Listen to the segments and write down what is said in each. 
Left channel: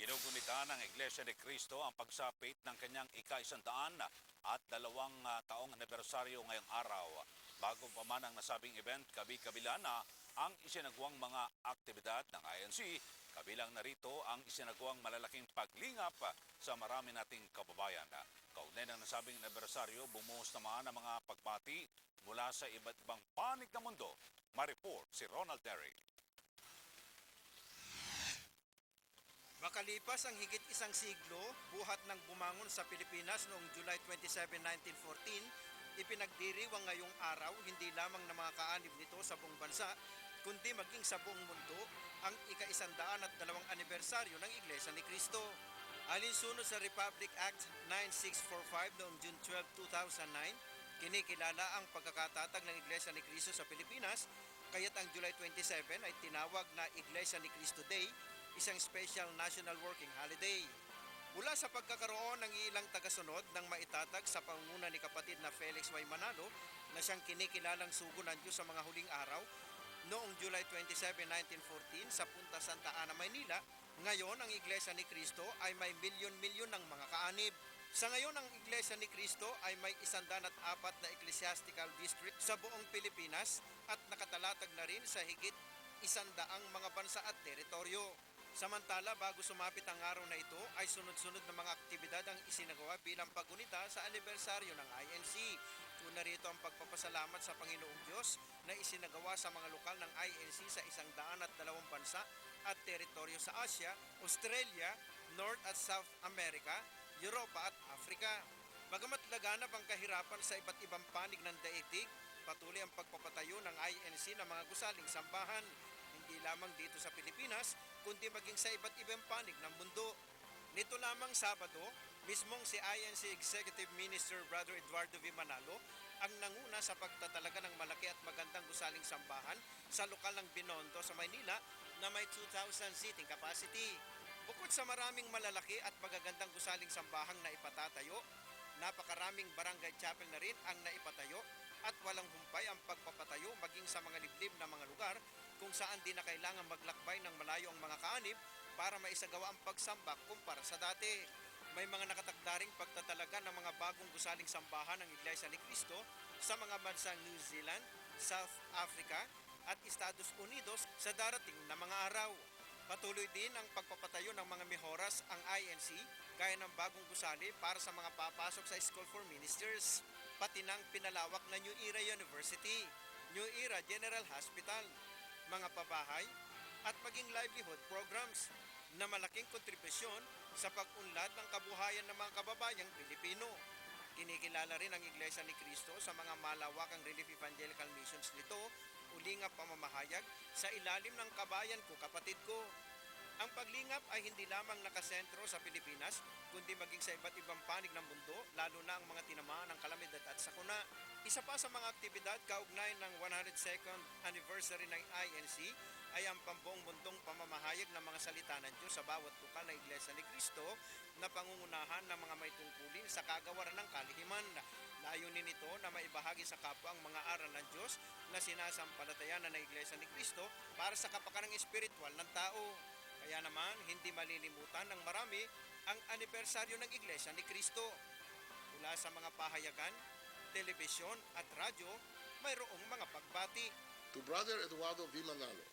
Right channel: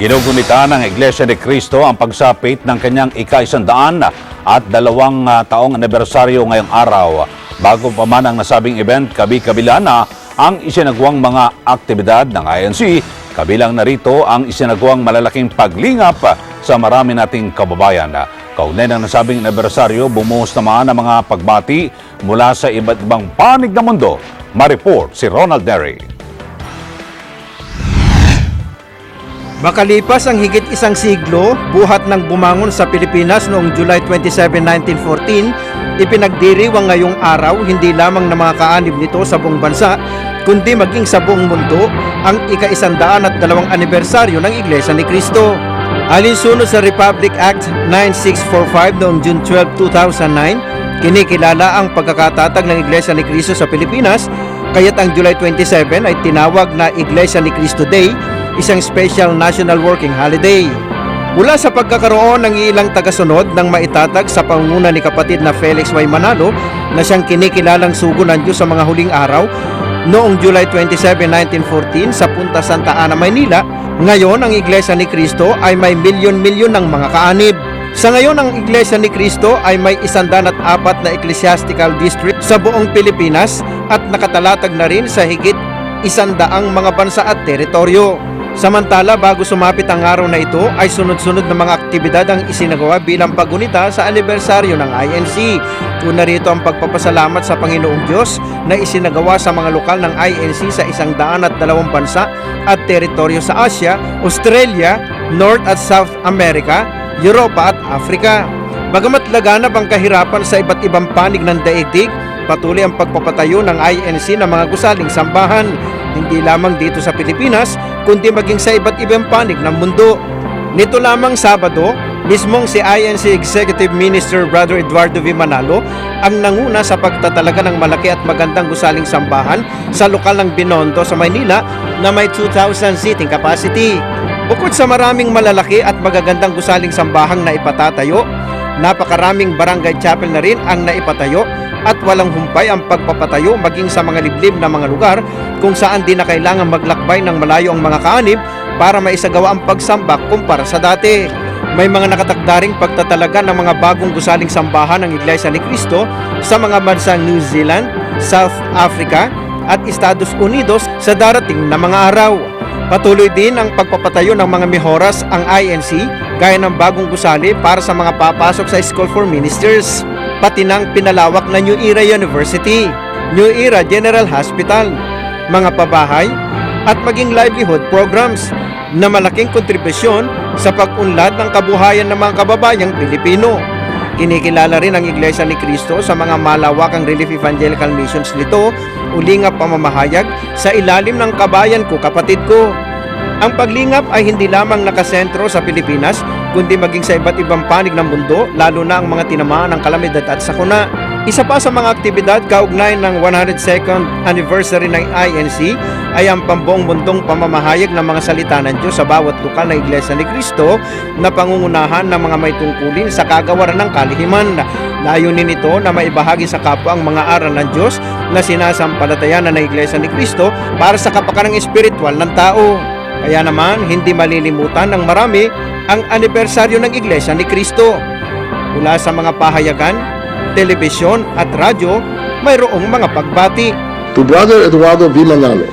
Ginugunita ng Iglesia ni Cristo ang pagsapit ng kanyang ika-100 at 2 taong anibersaryo ngayong araw. Bago pa man ang nasabing event, kabi-kabila na ang isinagawang mga aktibidad ng INC. Kabilang narito ang isinagawang malalaking paglingap sa marami nating kababayan. Kaugnay ng nasabing anibersaryo, bumuhos naman ang mga pagbati mula sa iba't ibang panig ng mundo. Ma-report si Ronald Neri. Makalipas ang higit isang siglo, buhat ng bumangon sa Pilipinas noong July 27, 1914, ipinagdiriwang ngayong araw hindi lamang ng mga kaanib nito sa buong bansa, kundi maging sa buong mundo ang ika-102 anibersaryo ng Iglesia ni Cristo. Alinsunod sa Republic Act 9645 noong June 12, 2009, kinikilala ang pagkakatatag ng Iglesia ni Cristo sa Pilipinas, kaya't ang July 27 ay tinawag na Iglesia ni Cristo Day, isang special national working holiday. Mula sa pagkakaroon ng ilang tagasunod ng maitatag sa pangunguna ni kapatid na Felix Y. Manalo na siyang kinikilalang sugo ng Diyos sa mga huling araw noong July 27, 1914 sa Punta Santa Ana, Maynila, ngayon ang Iglesia ni Cristo ay may milyon-milyon ng mga kaanib. Sa ngayon ang Iglesia ni Cristo ay may 104 na ecclesiastical district sa buong Pilipinas at nakatalatag na rin sa higit 100 mga bansa at teritoryo. Samantala, bago sumapit ang araw na ito, ay sunod-sunod na mga aktibidad ang isinagawa bilang paggunita sa anibersaryo ng INC. Una rito ang pagpapasalamat sa Panginoong Diyos na isinagawa sa mga lokal ng INC sa 102 bansa at teritoryo sa Asia, Australia, North at South America, Europa at Africa. Bagamat laganap ang kahirapan sa iba't ibang panig ng daigdig, patuloy ang pagpapatayo ng INC ng mga gusaling sambahan, hindi lamang dito sa Pilipinas, kundi maging sa iba't ibang panig ng mundo. Nito lamang Sabado, mismong si INC Executive Minister Brother Eduardo V. Manalo ang nanguna sa pagtatalaga ng malaki at magandang gusaling sambahan sa lokal ng Binondo sa Maynila na may 2,000 seating capacity. Bukod sa maraming malalaki at magagandang gusaling sambahang na ipatatayo, napakaraming barangay chapel na rin ang naipatayo at walang humpay ang pagpapatayo maging sa mga liblib na mga lugar kung saan di na kailangan maglakbay ng malayo ang mga kaanib para maisagawa ang pagsamba kumpara sa dati. May mga nakatakdaring pagtatalaga ng mga bagong gusaling sambahan ng Iglesia ni Cristo sa mga bansang New Zealand, South Africa at Estados Unidos sa darating na mga araw. Patuloy din ang pagpapatayo ng mga mihoras ang INC gaya ng bagong gusali para sa mga papasok sa School for Ministers, pati ng pinalawak na New Era University, New Era General Hospital, mga pabahay at maging livelihood programs na malaking kontribusyon sa pag-unlad ng kabuhayan ng mga kababayang Pilipino. Kinikilala rin ang Iglesia ni Cristo sa mga malawakang relief evangelical missions nito, ulingap pamamahayag sa ilalim ng kabayan ko, kapatid ko. Ang paglingap ay hindi lamang nakasentro sa Pilipinas, kundi maging sa iba't ibang panig ng mundo, lalo na ang mga tinamaan ng kalamidad at sakuna. Isa pa sa mga aktibidad kaugnay ng 102nd anniversary ng INC ay ang pambuong mundong pamamahayag ng mga salita ng Diyos sa bawat lokal na Iglesia ni Cristo na pangungunahan ng mga may tungkulin sa kagawaran ng kalihiman. Layunin nito na maibahagi sa kapwa ang mga aral ng Diyos na sinasampalatayanan ng Iglesia ni Cristo para sa kapakanan espiritual ng tao. Kaya naman, hindi malilimutan ng marami ang anibersaryo ng Iglesia ni Cristo. Mula sa mga pahayagan, telebisyon at radyo, mayroong mga pagbati. To Brother Eduardo V. Manalo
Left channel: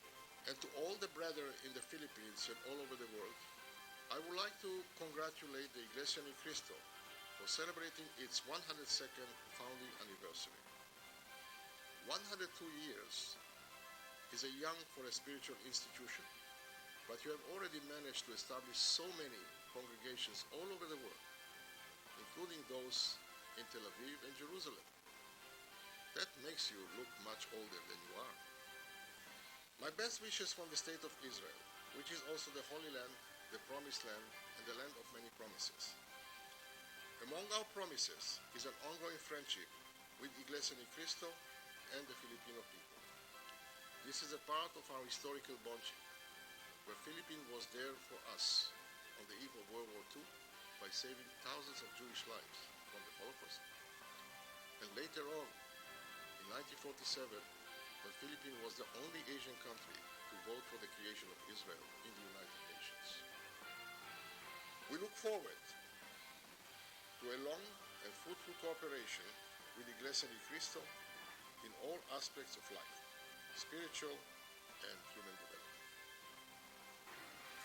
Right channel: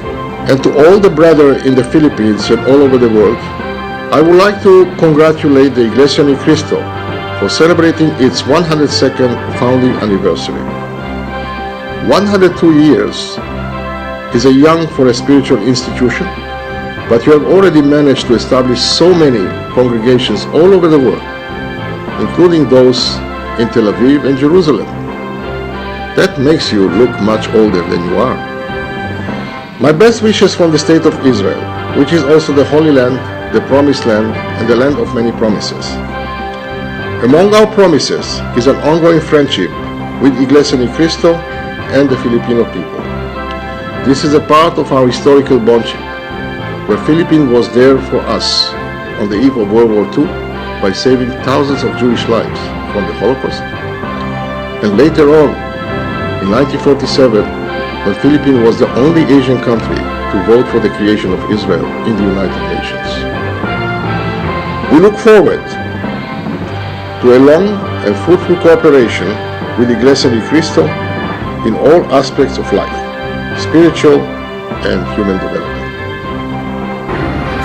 and to all the brethren in the Philippines and all over the world, I would like to congratulate the Iglesia ni Cristo for celebrating its 102nd founding anniversary. 102 years is a young for a spiritual institution, but you have already managed to establish so many congregations all over the world, including those in Tel Aviv and Jerusalem. That makes you look much older than you are. My best wishes from the State of Israel, which is also the Holy Land, the Promised Land, and the land of many promises. Among our promises is an ongoing friendship with Iglesia ni Cristo and the Filipino people. This is a part of our historical bondship, where Philippines was there for us on the eve of World War II by saving thousands of Jewish lives from the Holocaust. And later on, in 1947, when Philippines was the only Asian country to vote for the creation of Israel in the United Nations. We look forward to a long and fruitful cooperation with Iglesia ni Cristo in all aspects of life, spiritual and human development.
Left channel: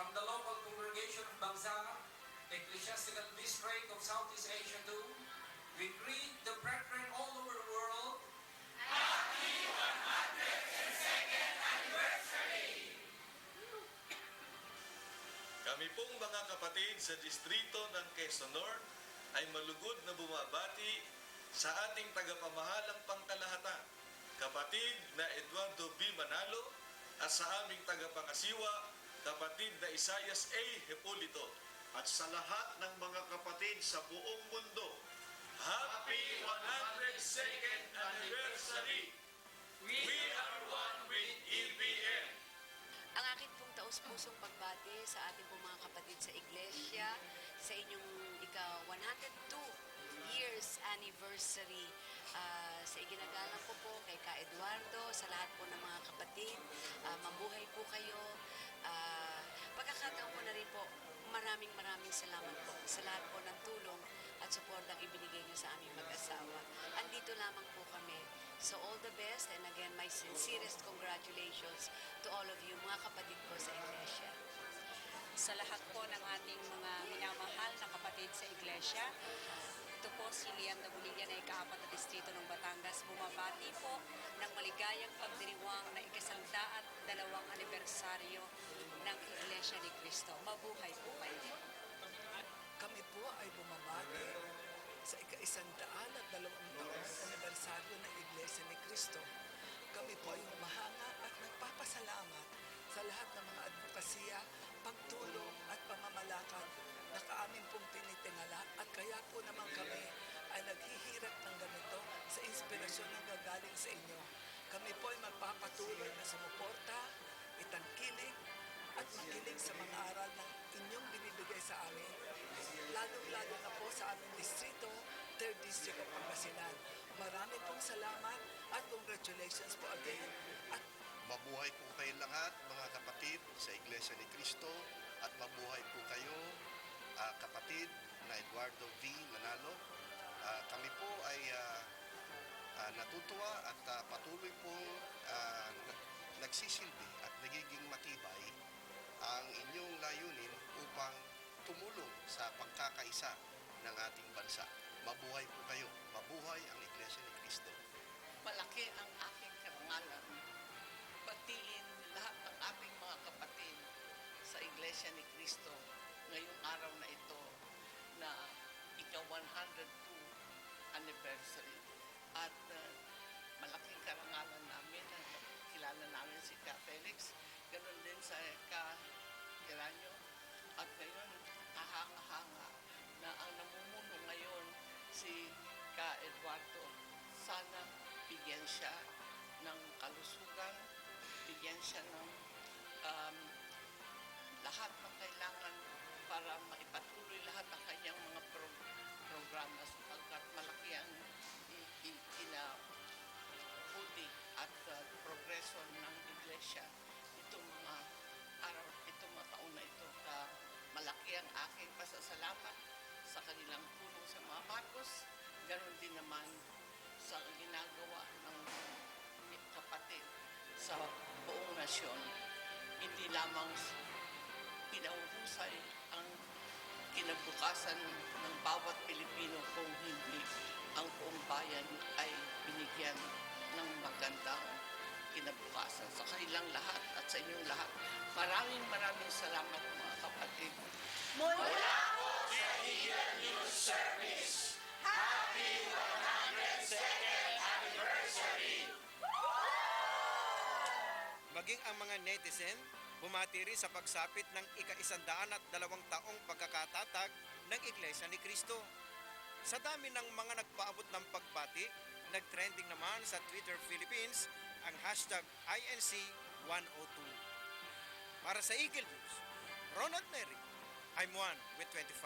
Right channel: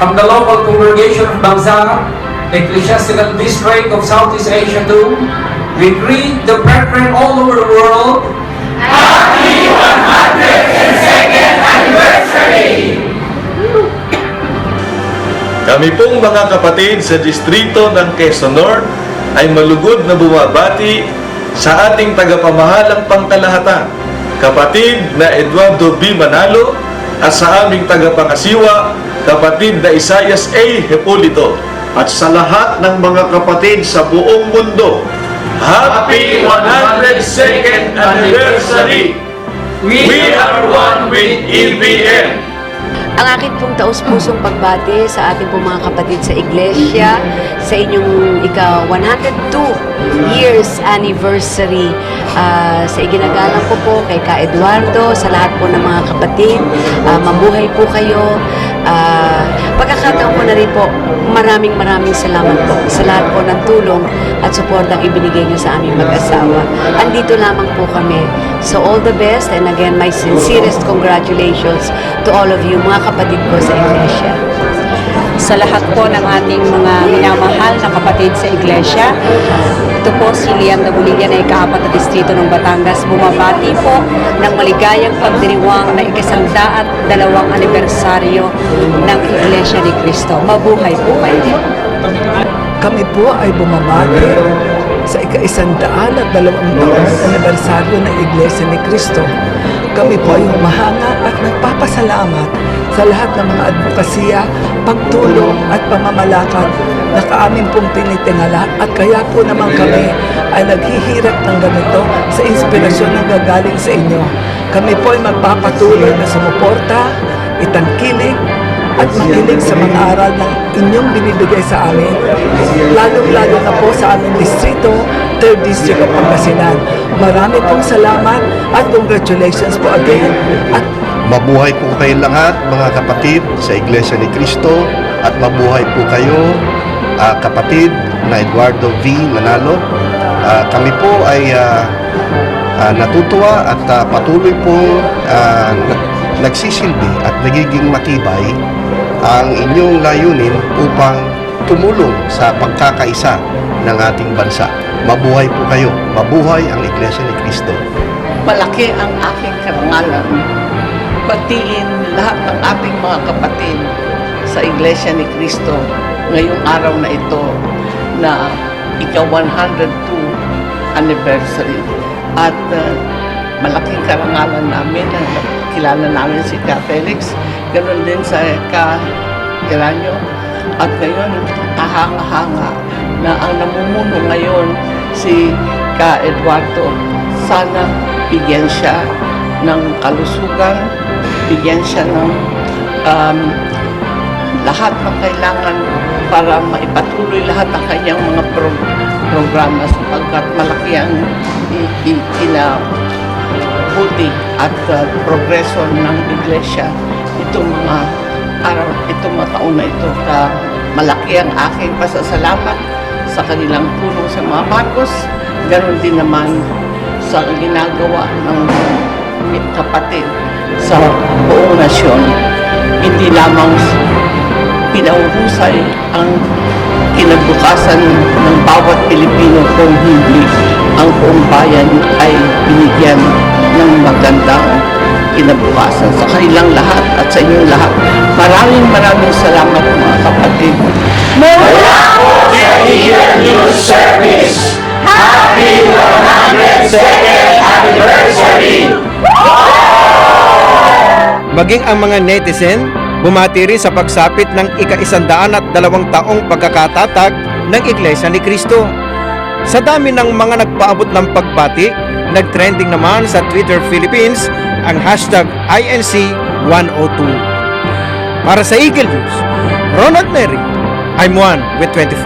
From the local congregation of Bangsa, the Ecclesiastical District of Southeast Asia too, we greet the brethren all over the world. Kami pong mga kapatid sa distrito ng Quezon North ay malugod na bumabati sa ating tagapamahalang pangkalahatan, kapatid na Eduardo B. Manalo, at sa aming tagapangasiwa, kapatid na Isaias A. Hepolito, at sa lahat ng mga kapatid sa buong mundo. Happy 102nd Anniversary! We are one with EBN! Ang aking pong taus-pusong pagbati sa ating pong mga kapatid sa iglesia sa inyong ika-102 years anniversary. Sa iginagalang ko po kay Ka Eduardo, sa lahat po ng mga kapatid, mabuhay po kayo. Pagkakataon ko na rin po, maraming salamat po sa lahat po ng tulong at suportang ibinigay niyo sa aming mag-asawa. Andito lamang po kami. So all the best, and again, my sincerest congratulations to all of you, mga kapatid ko sa iglesia. Sa lahat po ng ating mga minamahal na kapatid sa iglesia, ito po si Liam Dabuligan na ika-4 na distrito ng Batangas, bumabati po ng maligayang pagdiriwang na ika-102 anibersaryo ng Iglesia ni Cristo. Mabuhay po kayo. Kami po ay bumabati sa ika-102 anibersaryo ng Iglesia ni Cristo. Kami po ay humahanga at nagpapasalamat sa lahat ng mga advokasya, pagtulong at pamamalakad na kaamin pong tinitingala, at kaya po naman kami ay naghihirap ng ganito sa inspirasyon na gagaling sa inyo. Kami po ay magpapatuloy na sumuporta, itangkilik at makinig sa mga aral ng inyong binibigay sa amin, lalong-lalo na po sa aming distrito, 3rd District of Pangasinan. Marami pong salamat at congratulations po again. At mabuhay po kayong lahat, mga kapatid sa Iglesia ni Cristo, at mabuhay po kayo, kapatid na Eduardo V. Manalo. Kami po ay natutuwa at patuloy po nagsisilbi at nagiging matibay ang inyong layunin upang tumulong sa pagkakaisa ng ating bansa. Mabuhay po kayo, mabuhay ang Iglesia ni Cristo. Malaki ang aking karangalan. Batiin lahat ng ating mga kapatid sa Iglesia ni Cristo ngayong araw na ito na ika-102 anniversary. At malaking karangalan namin na kilala namin si Ka Felix, ganoon din sa Ka Geranio. At ngayon, kahanga-hanga na ang namumuno ngayon si Ka Eduardo. Sana bigyan siya ng kalusugan, bigyan siya ng lahat ng kailangan para maipatuloy lahat ng kanyang mga programa, sapagkat malaki ang buti at progreso ng iglesia itong mga araw, itong mga taon na ito. Malaki ang aking pasasalamat sa kanilang tulong sa mga Marcos, ganoon din naman sa ginagawa ng kapatid sa buong nasyon. Hindi lamang pinauhusay ang kinabukasan ng bawat Pilipino, kung hindi ang buong bayan ay binigyan ng magandang kinabukasan. Sa kanilang lahat at sa inyong lahat, maraming salamat mga kapatid. Mula po sa EBN News Service, Happy 102nd Anniversary! Maging ang mga netizen, bumati rin sa pagsapit ng ika-102 taong pagkakatatag ng Iglesia ni Cristo. Sa dami ng mga nagpaabot ng pagbati, nag-trending naman sa Twitter Philippines ang hashtag INC102. Para sa Eagle News, Ronald Neri, I'm one with 25.